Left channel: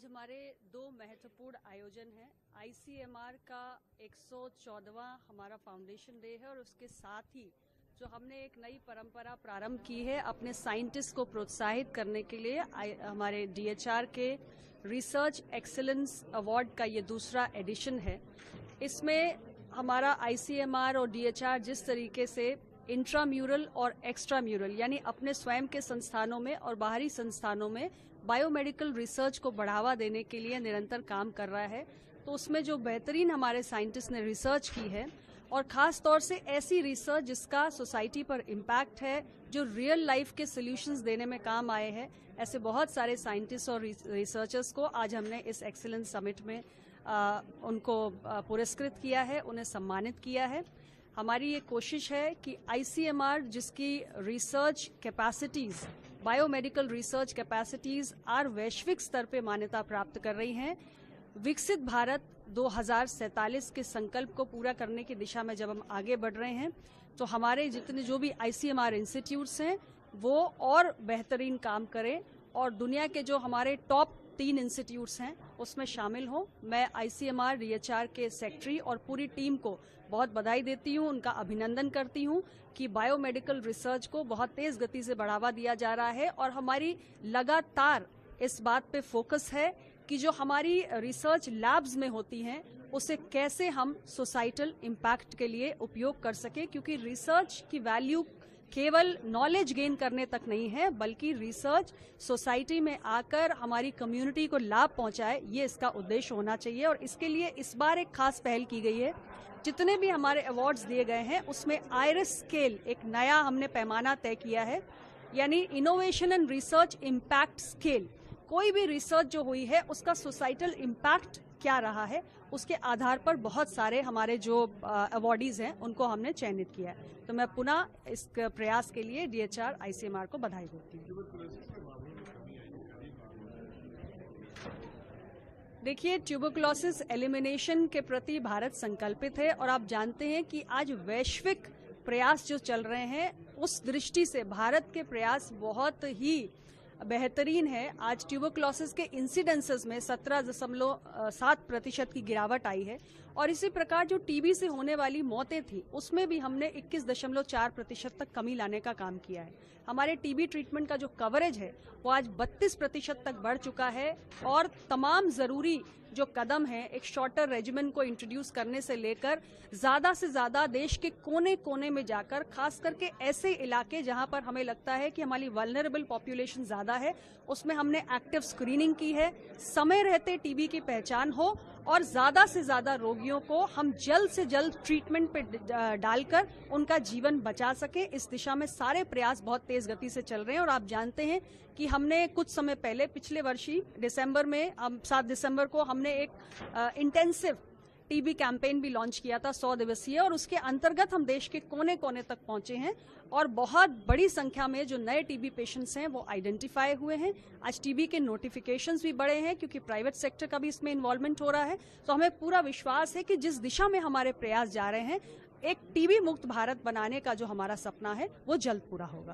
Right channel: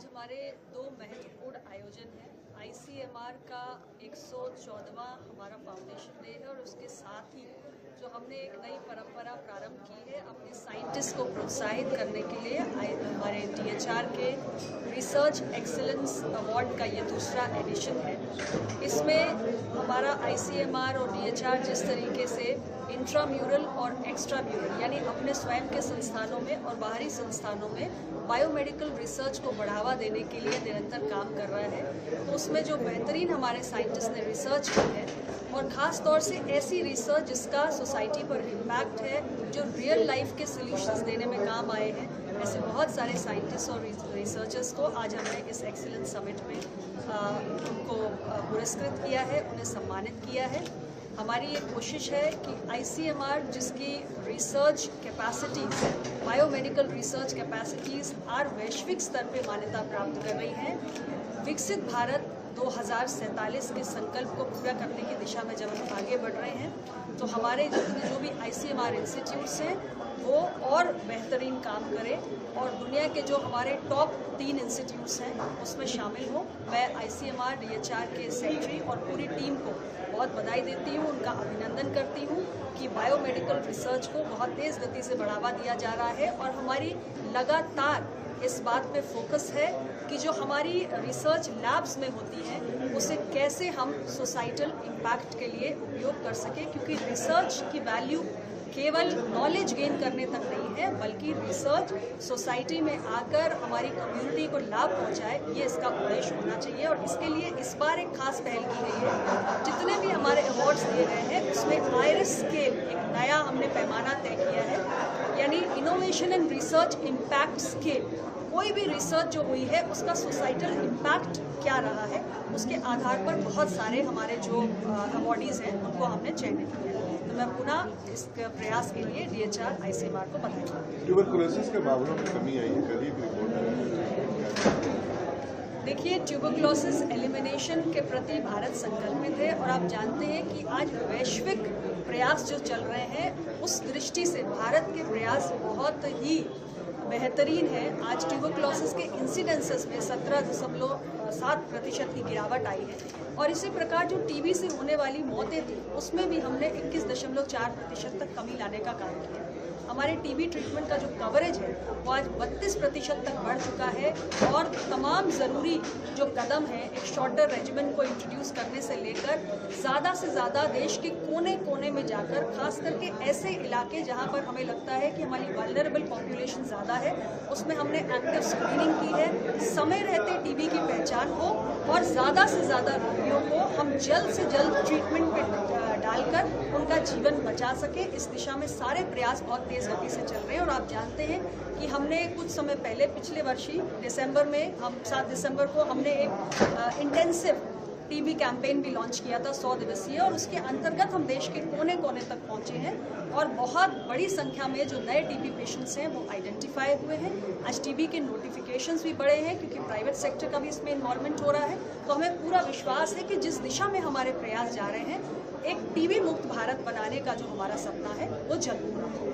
आज हमारे दो महत्वपूर्ण आयोजन हैं। ICMR का 114वां हमारा फाउंडेशन डे है और उसके साथ ही जो हमने एक नई परंपरा प्रारंभ की है अपने साइंटिस्ट को प्रोत्साहित करने के लिए हमारे DHR के रिसर्च एक्सीलेंस अवार्ड का ये दूसरा एडिशन है। इसमें हमारा ICMR और DHR जिस तरीके से इंट्राम्यूरल और एक्स्ट्राम्यूरल यानी अपने स्वयं के संस्थानों में और बाहरी संस्थानों में बायोमेडिकल रिसर्च को बढ़ावा देने के लिए निरंतर काम कर रहा है, तो उसमें जो बेहतरीन हमारे साइंटिस्ट ने रिसर्च की है और ख़ास तौर से ऐसी रिसर्च जिसका सोसाइटी पर इम्पैक्ट है, जो रियल लाइफ के सॉल्यूशंस देने में काम आए हैं, ऐसे बहुत सारे साइंटिस्ट और रिसर्चर्स को आज हमने इस एक्सीलेंस समिट में उनको पुरस्कृत किया है, उन्हें सम्मानित किया है। हमारी ये कोशिश है कि ICMR जिसकी research capacities, biomedical research capacities आज वैश्विक स्तर पे मान्यता प्राप्त कर रही हैं, विकसित भारत 2047 के संकल्प को पूरा करने की दिशा में जब हम आगे बढ़ रहे हैं, तो हमारे जितने जो भी ICMR इंस्टीट्यूट्स हैं वो और बेहतरीन काम करें और दुनिया के जो हमारे टॉप 3 इंस्टीट्यूट्स हैं उसमें शामिल हो। मैं ICMR DHR के सेक्रेटरी और पूरी टीम को बहुत बधाई देती हूँ, उनका अभिनंदन करती हूँ कि बायोमेडिकल रिसर्च को बहुत तेज़ गति से बढ़ावा दिया जा रहा है और हमारी लगातार इस बात पे फोकस है कि जो हमारी रिसर्च लैब्स में होती हैं उसे कैसे हम सोसाइटल इम्पैक्ट के लिए उपयोग कर सकें, क्योंकि रिसर्च की वैल्यू केवल नॉलेज गेन करने तक नहीं है, बल्कि रिसर्च सोसाइटी में आकर हमारी कम्युनिटी को लाभ पहुंचाए, ये इसका उद्देश्य होना चाहिए। और इसके लिए इस बार एक खास पहल की गई है। जितने भी हमारे अवार्ड्स दिए गए हैं उसमें आइरिस स्केल एक नया हमने पैमाना तय किया है, यानी innovation and research impact scale. कोई भी रिसर्च जो हुई है उसका सोसाइटल इम्पैक्ट क्या रहा है, उसके आधार पर बहुत सारे हमारे जो अवार्डीज़ हैं उनको हमने चयनित किया है। तो मैं पुनः इस प्रयास के लिए DHR ICMR को बधाई देती हूँ। ट्यूबरकुलोसिस के मामलों में कमी आई है, कल ही एक रिपोर्ट। देखिए, ट्यूबरकुलोसिस एलिमिनेशन के प्रति भारत संकल्पित है और आप जानते हैं कि आज वैश्विक प्रयास जो चल रहे हैं उस दृष्टि से भारत के प्रयास बहुत ही बेहतरीन है। आज ट्यूबरकुलोसिस के इंसिडेंसेस में 17.7% की गिरावट आई है और इसी प्रकार जो TB से होने वाली मौतें थी उसमें भी हमने 21.4% तक कमी लाने का काम किया है। हमारी TB ट्रीटमेंट का जो कवरेज है वो आज 32% तक बढ़ चुका है और तमाम ज़रूरी जो कदम हैं एक शॉर्टर रेजिमेन को इंट्रोड्यूस करने से लेकर ज़्यादा से ज़्यादा देश के कोने कोने में जाकर, खास करके ऐसे इलाके जहां पर हमें लगता है कि हमारी वल्नरेबल पॉपुलेशन ज़्यादा है, उसमें हमने एक्टिव स्क्रीनिंग की है। समय रहते TB की पहचान हो और ज़्यादा से ज़्यादा रोगियों को हम जल्द से जल्द ट्रीटमेंट पे डालकर उनका जीवन बचा सके, इस दिशा में सारे प्रयास बहुत तेज़ गति से चल रहे हैं। और आप जानते हैं कि हमने कुछ समय पहले पिछले वर्ष ही दिसंबर में, हम 7 दिसंबर को हमने एक इंटेंसिव TB कैंपेन भी लॉन्च किया था 100 दिवसीय, और उसके अंतर्गत हम देश के कोने कोने तक पहुंचे हैं और बहुत बड़ी संख्या में जो नए TB पेशेंट्स हैं वो आइडेंटिफाई हुए हैं। आज TB के नोटिफिकेशंस भी बढ़े हैं क्योंकि प्राइवेट सेक्टर का भी इसमें इन्वॉल्वमेंट हो रहा है। तो हमें पूरा विश्वास है कि जिस दिशा में हमारे प्रयास जा रहे हैं, एक TB मुक्त भारत बनाने का जो हमारा सपना है वो जल्द पूरा होगा।